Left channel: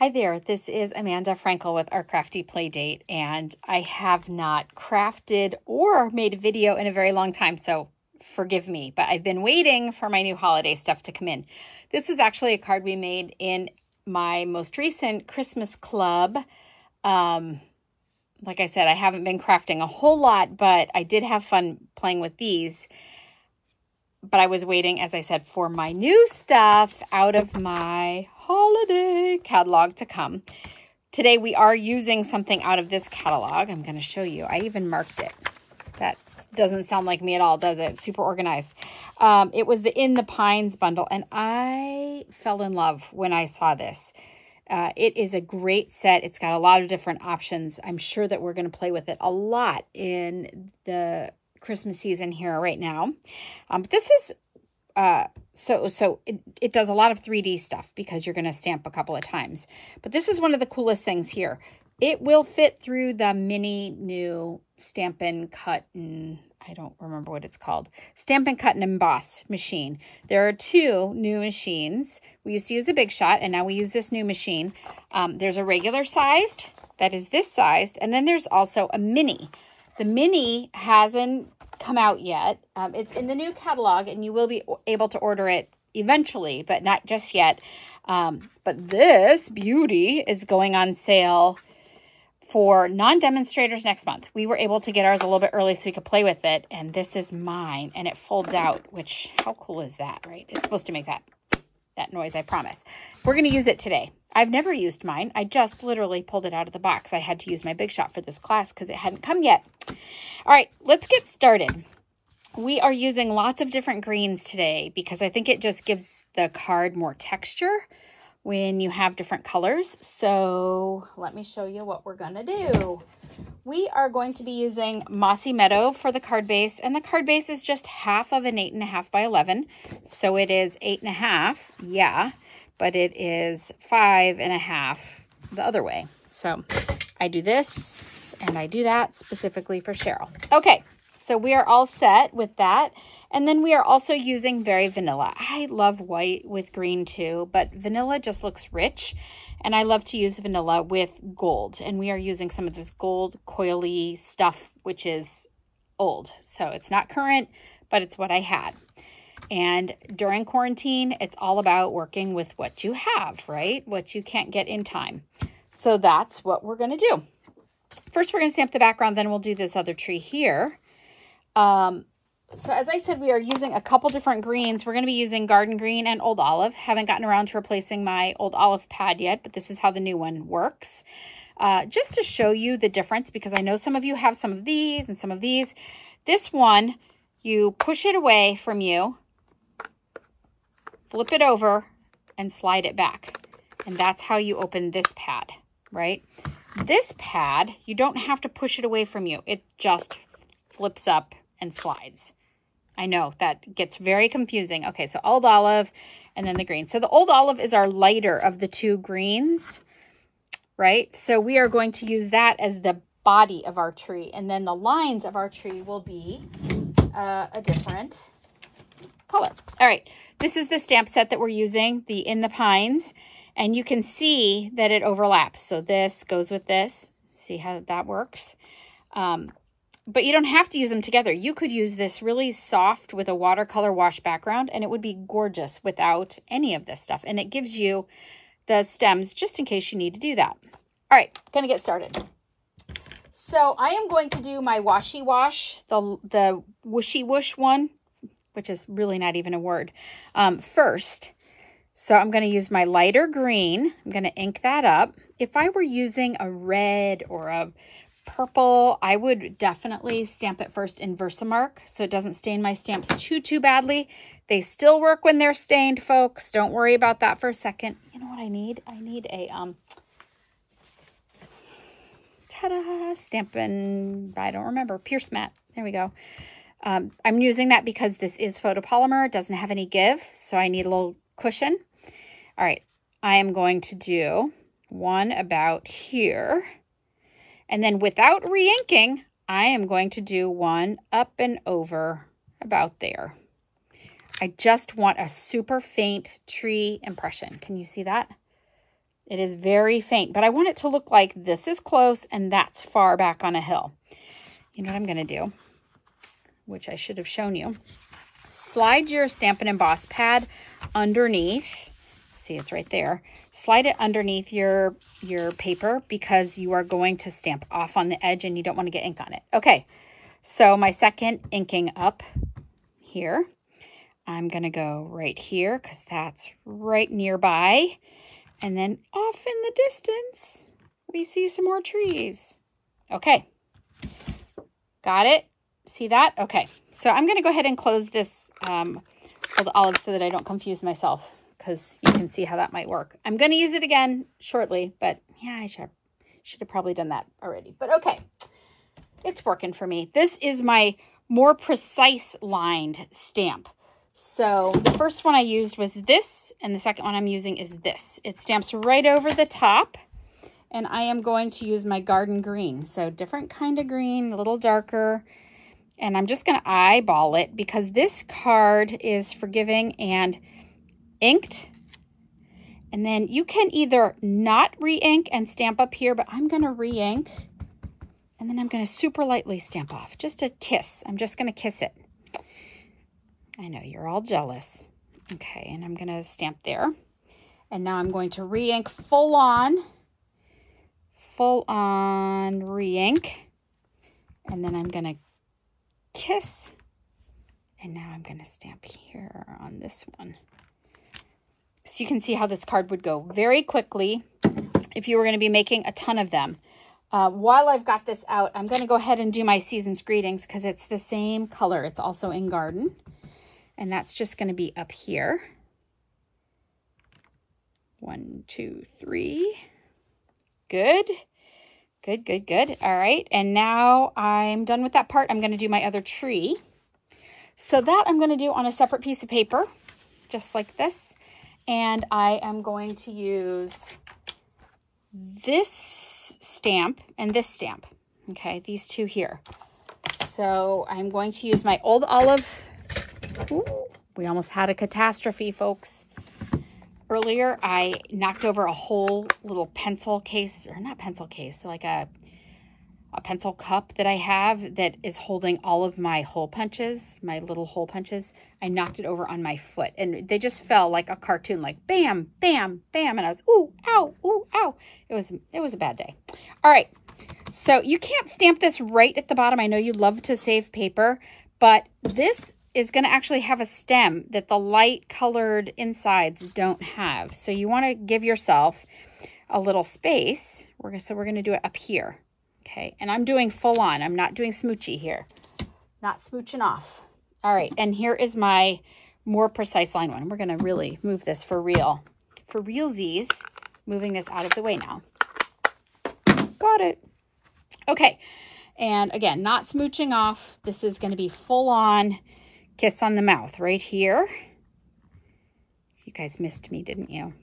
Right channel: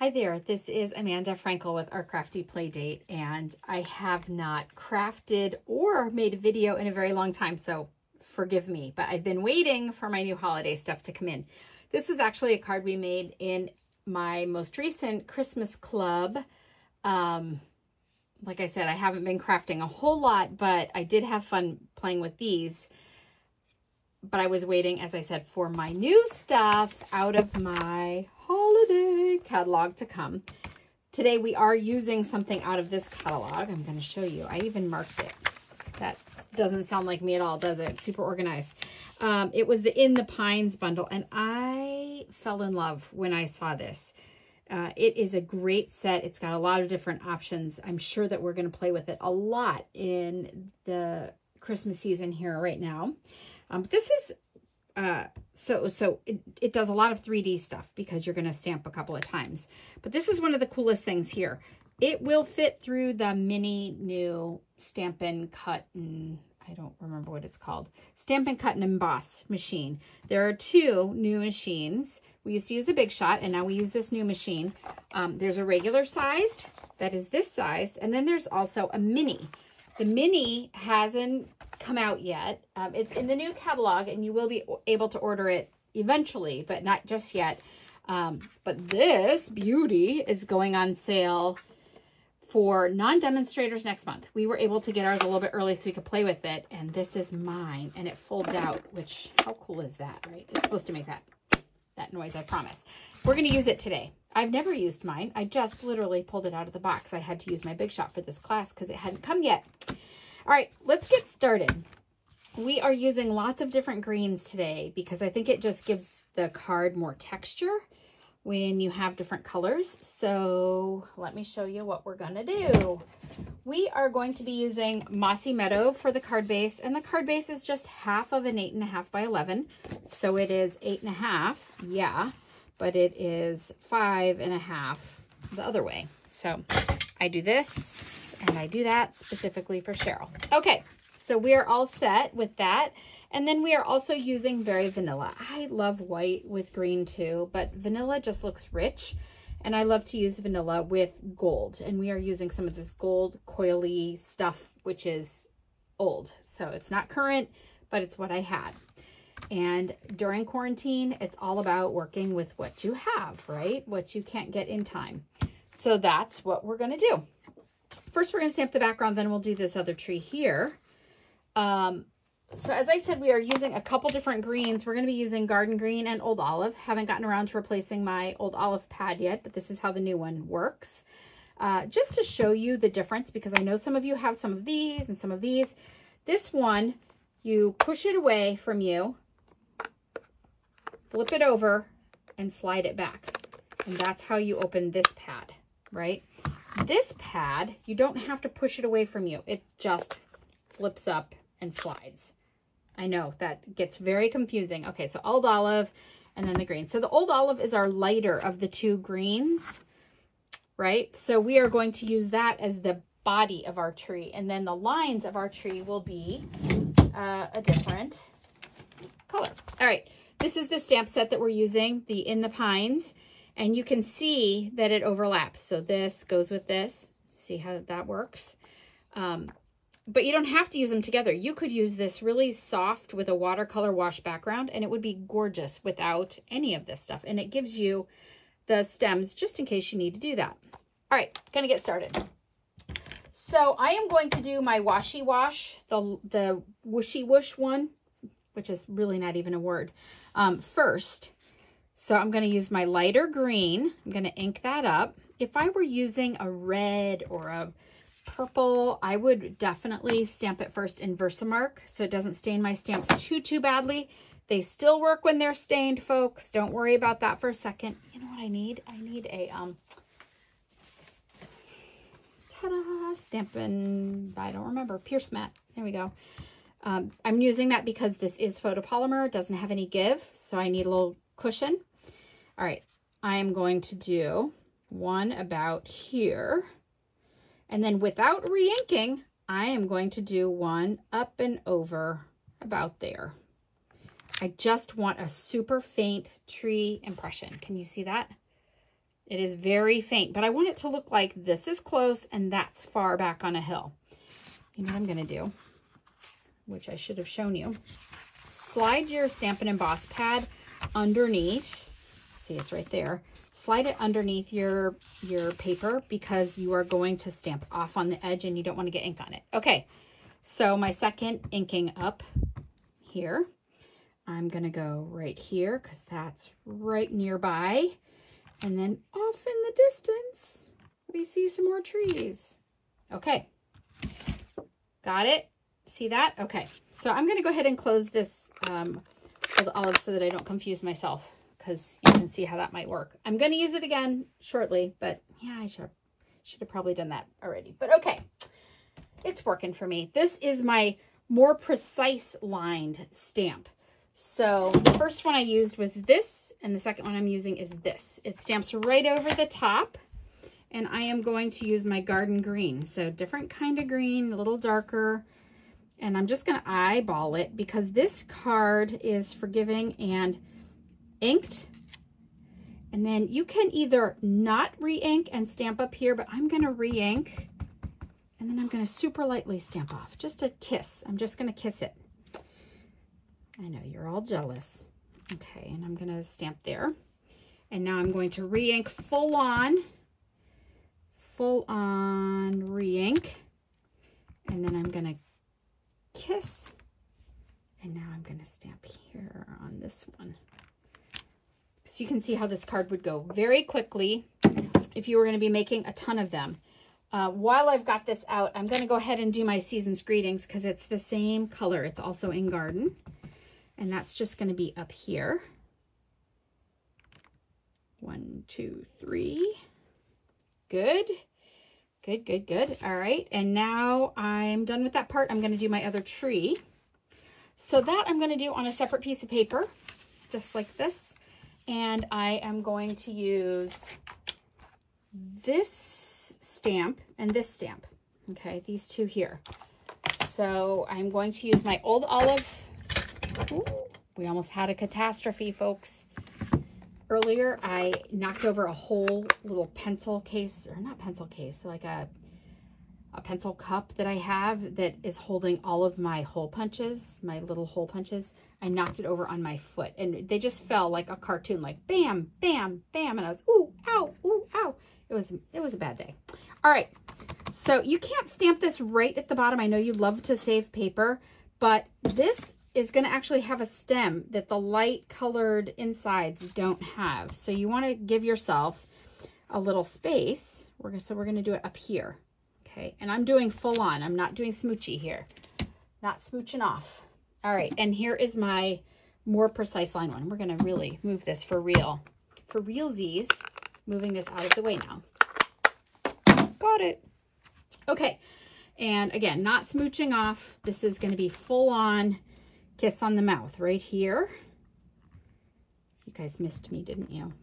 Hi there, this is Amanda Frankel with Our Crafty Playdate, and I have not crafted or made a video in a very long time, so forgive me, but I've been waiting for my new holiday stuff to come in. This is actually a card we made in my most recent Christmas club. Like I said, I haven't been crafting a whole lot, but I did have fun playing with these. But I was waiting, as I said, for my new stuff out of my holiday catalog to come. Today we are using something out of this catalog. I'm going to show you. I even marked it. That doesn't sound like me at all, does it? Super organized. It was the In the Pines bundle, and I fell in love when I saw this. It is a great set. It's got a lot of different options. I'm sure that we're going to play with it a lot in the Christmas season here right now. This is it does a lot of 3D stuff because you're going to stamp a couple of times. But this is one of the coolest things here. It will fit through the mini new Stampin' Cut and I don't remember what it's called. Stampin' Cut and Emboss machine. There are two new machines. We used to use a Big Shot and now we use this new machine. There's a regular sized that is this sized, and then there's also a mini. The mini hasn't come out yet. It's in the new catalog and you will be able to order it eventually, but not just yet. But this beauty is going on sale for non-demonstrators next month. We were able to get ours a little bit early so we could play with it. And this is mine and it folds out, which how cool is that, right? It's supposed to make that noise, I promise. We're going to use it today. I've never used mine. I just literally pulled it out of the box. I had to use my Big Shot for this class because it hadn't come yet. All right, let's get started. We are using lots of different greens today because I think it just gives the card more texture when you have different colors. So let me show you what we're going to do. We are going to be using Mossy Meadow for the card base, and the card base is just half of an 8.5 by 11. So it is 8.5, yeah, but it is 5.5 the other way. So I do this and I do that specifically for Cheryl. Okay, so we are all set with that. And then we are also using Very Vanilla. I love white with green too, but vanilla just looks rich. And I love to use vanilla with gold. And we are using some of this gold coily stuff, which is old. So it's not current, but it's what I had. And during quarantine, it's all about working with what you have, right? What you can't get in time. So that's what we're going to do. First, we're going to stamp the background, then we'll do this other tree here. So as I said, we are using a couple different greens. We're going to be using Garden Green and Old Olive. Haven't gotten around to replacing my Old Olive pad yet, but this is how the new one works. Just to show you the difference, because I know some of you have some of these and some of these. This one, you push it away from you, flip it over, and slide it back. And that's how you open this pad, right? This pad, you don't have to push it away from you. It just flips up and slides. I know that gets very confusing. Okay, so Old Olive and then the green. So the Old Olive is our lighter of the two greens, right? So we are going to use that as the body of our tree. And then the lines of our tree will be a different color. All right, this is the stamp set that we're using, the In the Pines. And you can see that it overlaps. So this goes with this. See how that works? But you don't have to use them together. You could use this really soft with a watercolor wash background and it would be gorgeous without any of this stuff. And it gives you the stems just in case you need to do that. All right, gonna get started. So I am going to do my washy wash, the whooshy whoosh one, which is really not even a word, first. So I'm gonna use my lighter green. I'm gonna ink that up. If I were using a red or a purple, I would definitely stamp it first in Versamark so it doesn't stain my stamps too badly. They still work when they're stained, folks. Don't worry about that for a second. You know what I need? I need a ta-da, Stampin', I don't remember, Pierce mat. There we go. I'm using that because this is photopolymer. It doesn't have any give, so I need a little cushion. All right, I am going to do one about here. And then without re-inking, I am going to do one up and over about there. I just want a super faint tree impression. Can you see that? It is very faint, but I want it to look like this is close and that's far back on a hill. You know what I'm going to do, which I should have shown you. Slide your Stampin' Emboss pad underneath. See, it's right there. Slide it underneath your paper because you are going to stamp off on the edge and you don't want to get ink on it. Okay, so my second inking up here. I'm going to go right here because that's right nearby. And then off in the distance, we see some more trees. Okay, got it? See that? Okay, so I'm going to go ahead and close this old olive so that I don't confuse myself, because you can see how that might work. I'm going to use it again shortly, but yeah, I should have probably done that already. But okay, it's working for me. This is my more precise lined stamp. So the first one I used was this, and the second one I'm using is this. It stamps right over the top, and I am going to use my garden green. So different kind of green, a little darker, and I'm just going to eyeball it because this card is forgiving and inked. And then you can either not re-ink and stamp up here, but I'm going to re-ink, and then I'm going to super lightly stamp off. Just a kiss. I'm just going to kiss it. I know you're all jealous. Okay, and I'm going to stamp there. And now I'm going to re-ink full on re-ink. And then I'm going to kiss. And now I'm going to stamp here on this one. So you can see how this card would go very quickly if you were going to be making a ton of them. While I've got this out, I'm going to go ahead and do my Season's Greetings because it's the same color. It's also in Garden. And that's just going to be up here. 1, 2, 3. Good. Good, good, good. All right. And now I'm done with that part. I'm going to do my other tree. So that I'm going to do on a separate piece of paper, just like this. And I am going to use this stamp and this stamp. Okay, these two here. So I'm going to use my old olive. Ooh, we almost had a catastrophe, folks. Earlier, I knocked over a whole little pencil case, or not pencil case, like a pencil cup that I have that is holding all of my hole punches, my little hole punches. I knocked it over on my foot, and they just fell like a cartoon, like bam, bam, bam, and I was, ooh, ow, ooh, ow. It was a bad day. All right, so you can't stamp this right at the bottom. I know you love to save paper, but this is going to actually have a stem that the light colored insides don't have. So you want to give yourself a little space. So we're going to do it up here. Okay. And I'm doing full on. I'm not doing smoochy here. Not smooching off. All right. And here is my more precise line one. We're going to really move this for real. For realsies, moving this out of the way now. Got it. Okay. And again, not smooching off. This is going to be full on kiss on the mouth right here. You guys missed me, didn't you?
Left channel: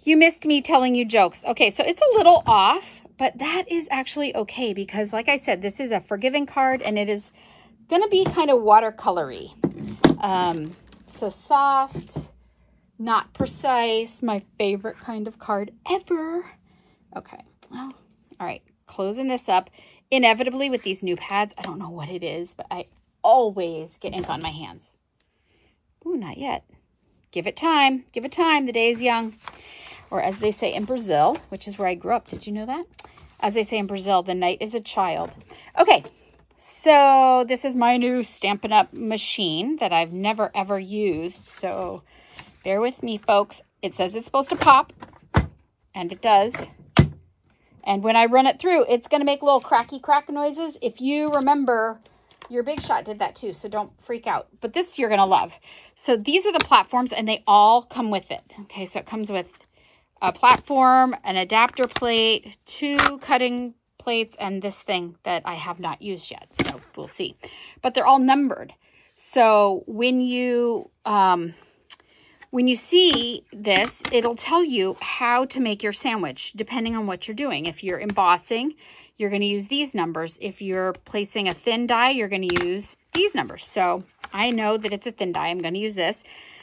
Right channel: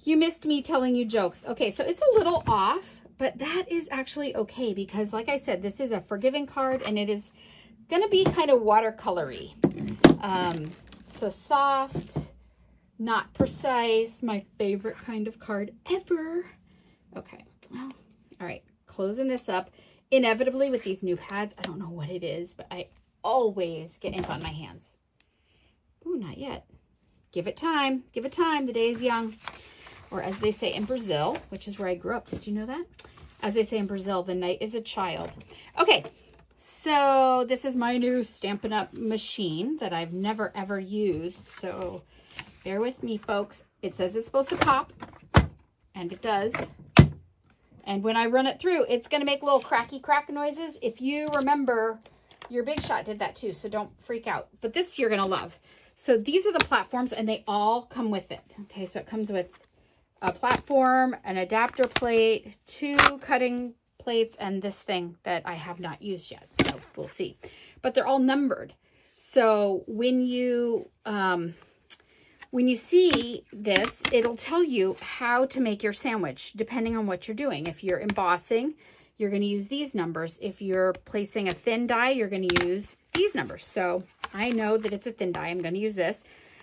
You missed me telling you jokes. Okay, so it's a little off, but that is actually okay because, like I said, this is a forgiving card and it is going to be kind of watercolory. So soft, not precise, my favorite kind of card ever. Okay, well, all right, closing this up. Inevitably with these new pads, I don't know what it is, but I always get ink on my hands. Ooh, not yet. Give it time. Give it time. The day is young. Or as they say in Brazil, which is where I grew up. Did you know that? As they say in Brazil, the night is a child. Okay, so this is my new Stampin' Up! Machine that I've never, ever used. So bear with me, folks. It says it's supposed to pop, and it does. And when I run it through, it's going to make little cracky crack noises. If you remember, your Big Shot did that too, so don't freak out. But this you're going to love. So these are the platforms, and they all come with it. Okay, so it comes with a platform, an adapter plate, 2 cutting plates, and this thing that I have not used yet. So we'll see. But they're all numbered. So when you see this, it'll tell you how to make your sandwich, depending on what you're doing. If you're embossing, you're going to use these numbers. If you're placing a thin die, you're going to use these numbers. So I know that it's a thin die. I'm going to use this.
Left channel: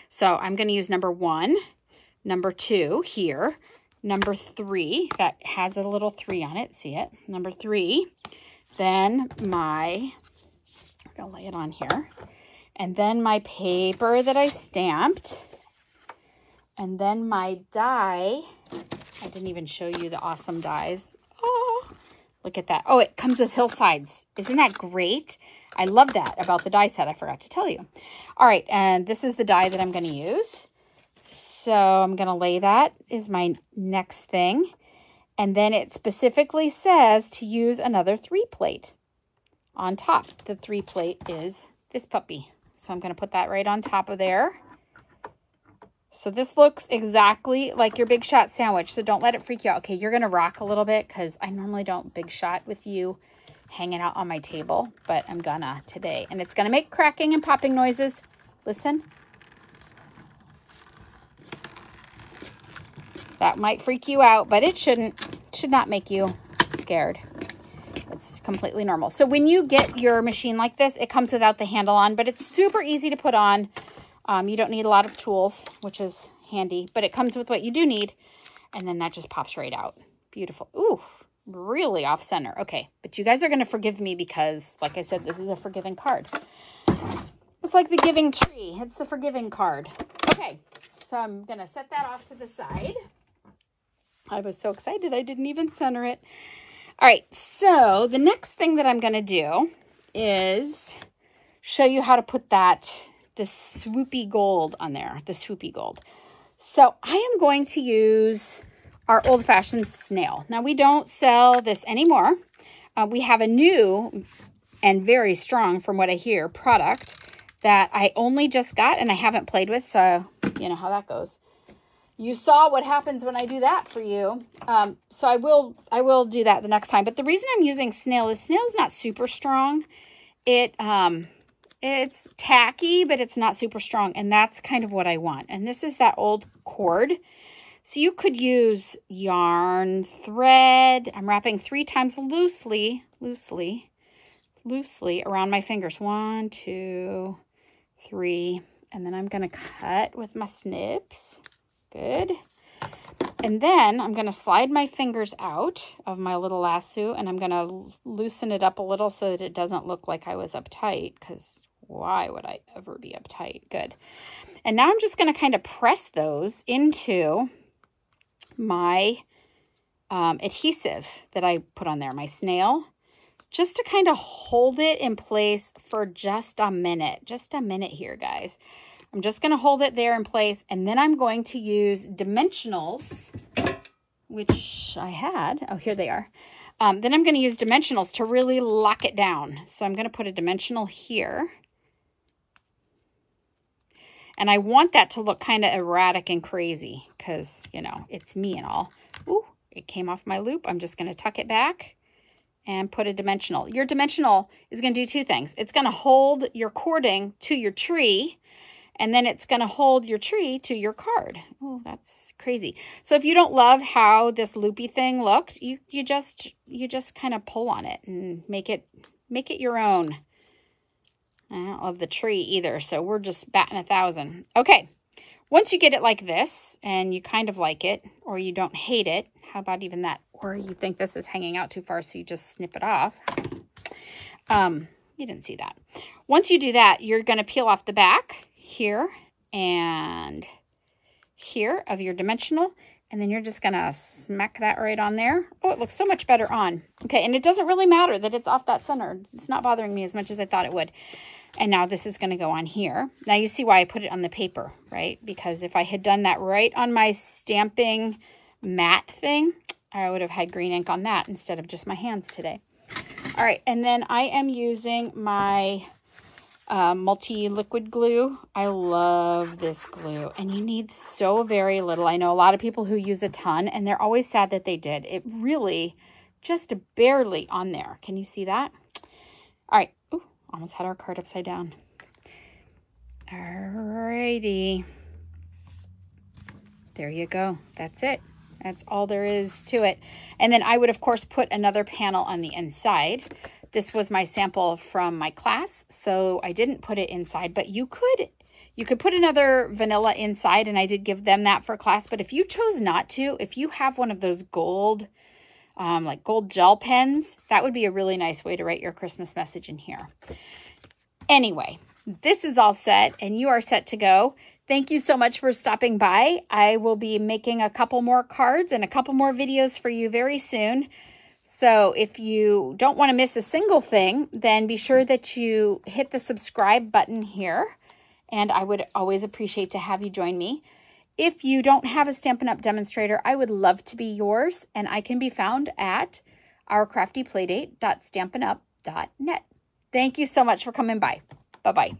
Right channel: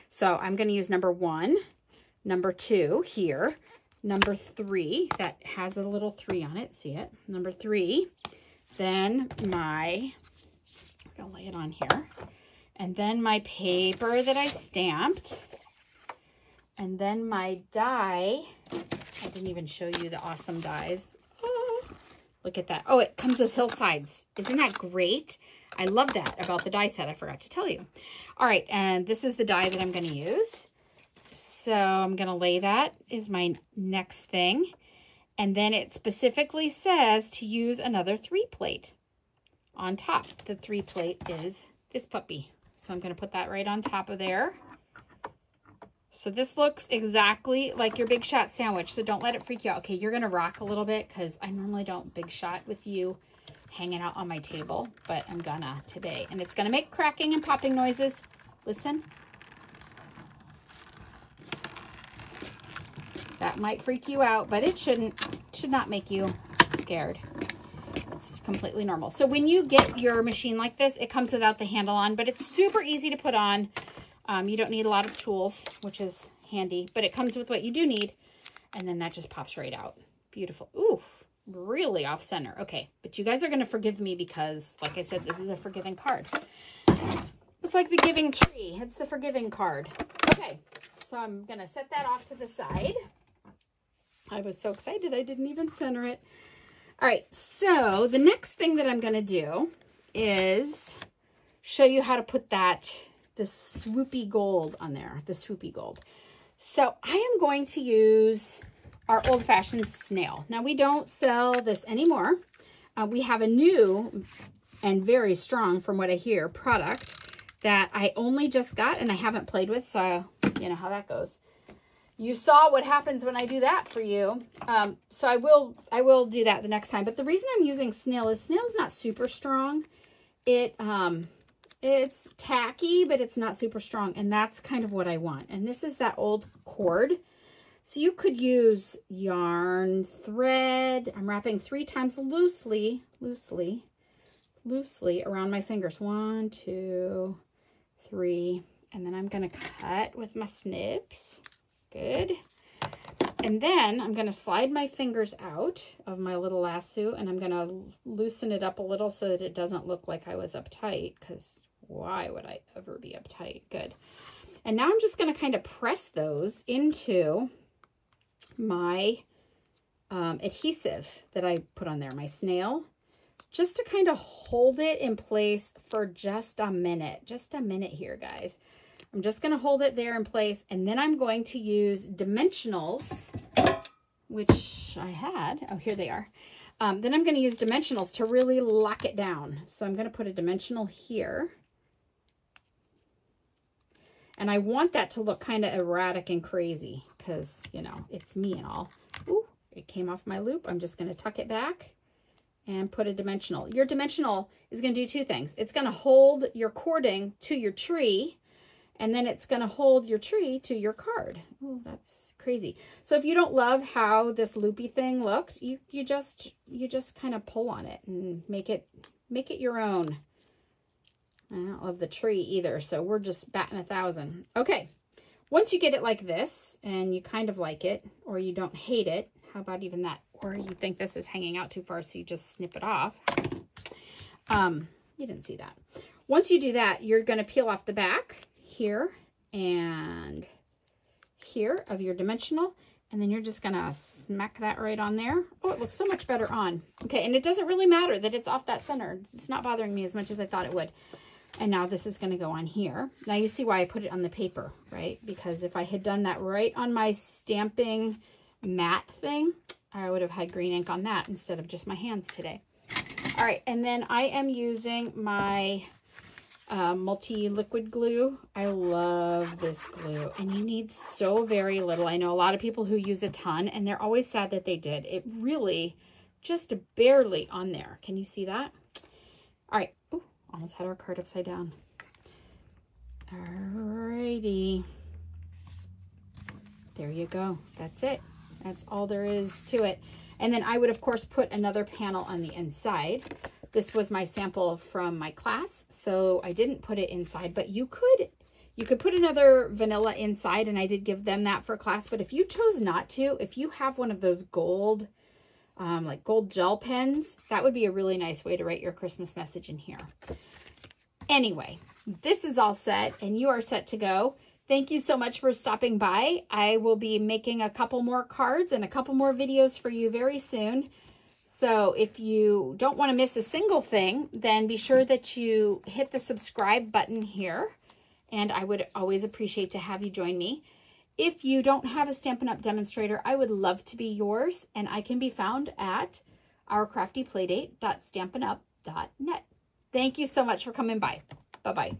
So I'm going to use number 1, number 2 here, number 3 that has a little 3 on it. See it? Number 3. Then I'm gonna lay it on here. And then my paper that I stamped. And then my die. I didn't even show you the awesome dies. Oh, look at that. Oh, it comes with hillsides. Isn't that great? I love that about the die set. I forgot to tell you. All right, and this is the die that I'm going to use. So I'm going to lay that is my next thing. And then it specifically says to use another 3-plate on top. The 3-plate is this puppy. So I'm going to put that right on top of there. So this looks exactly like your Big Shot sandwich. So don't let it freak you out. Okay, you're going to rock a little bit because I normally don't Big Shot with you hanging out on my table, but I'm gonna today. And it's going to make cracking and popping noises. Listen. That might freak you out, but it shouldn't. Should not make you scared. It's completely normal. So when you get your machine like this, it comes without the handle on, but it's super easy to put on. You don't need a lot of tools, which is handy, but it comes with what you do need. And then that just pops right out. Beautiful. Ooh, really off center. Okay, but you guys are going to forgive me because, like I said, this is a forgiving card. It's like the giving tree. It's the forgiving card. Okay, so I'm going to set that off to the side. I was so excited I didn't even center it. All right, so the next thing that I'm going to do is show you how to put this swoopy gold on there, the swoopy gold. So I am going to use our old-fashioned snail. Now, we don't sell this anymore. We have a new and very strong, from what I hear, product that I only just got and I haven't played with, so you know how that goes. You saw what happens when I do that for you. So I will do that the next time. But the reason I'm using snail is snail's not super strong. It's tacky, but it's not super strong, and that's kind of what I want. And this is that old cord. So you could use yarn, thread. I'm wrapping 3 times loosely around my fingers. 1, 2, 3. And then I'm going to cut with my snips. Good. And then I'm going to slide my fingers out of my little lasso, and I'm going to loosen it up a little so that it doesn't look like I was uptight, because why would I ever be uptight? Good. And now I'm just going to kind of press those into my adhesive that I put on there, my snail, just to kind of hold it in place for just a minute here, guys. I'm just going to hold it there in place, and then I'm going to use dimensionals, which I had. Oh, here they are. Then I'm going to use dimensionals to really lock it down. So I'm going to put a dimensional here. And I want that to look kind of erratic and crazy because, you know, it's me and all. Ooh, it came off my loop. I'm just going to tuck it back and put a dimensional. Your dimensional is going to do 2 things. It's going to hold your cording to your tree, and then it's going to hold your tree to your card. Oh, that's crazy. So if you don't love how this loopy thing looked, you just kind of pull on it and make it your own. I don't love the tree either, so we're just batting 1,000. Okay, once you get it like this, and you kind of like it, or you don't hate it, how about even that? Or you think this is hanging out too far, so you just snip it off. You didn't see that. Once you do that, you're going to peel off the back here and here of your dimensional, and then you're just going to smack that right on there. Oh, it looks so much better on. Okay, and it doesn't really matter that it's off that center. It's not bothering me as much as I thought it would. And now this is going to go on here. Now you see why I put it on the paper, right? Because if I had done that right on my stamping mat thing, I would have had green ink on that instead of just my hands today. All right, and then I am using my multi-liquid glue. I love this glue, and you need so very little. I know a lot of people who use a ton, and they're always sad that they did. It really just barely on there. Can you see that? All right. Ooh, almost had our card upside down. All righty. There you go. That's it. That's all there is to it. And then I would, of course, put another panel on the inside. This was my sample from my class, so I didn't put it inside, but you could You could put another vanilla inside, and I did give them that for class. But if you chose not to, if you have one of those gold, like gold gel pens, that would be a really nice way to write your Christmas message in here. Anyway, this is all set, and you are set to go. Thank you so much for stopping by. I will be making a couple more cards and a couple more videos for you very soon. So if you don't want to miss a single thing, then be sure that you hit the subscribe button here. And I would always appreciate to have you join me. If you don't have a Stampin' Up! Demonstrator, I would love to be yours. And I can be found at ourcraftyplaydate.stampinup.net. Thank you so much for coming by. Bye-bye.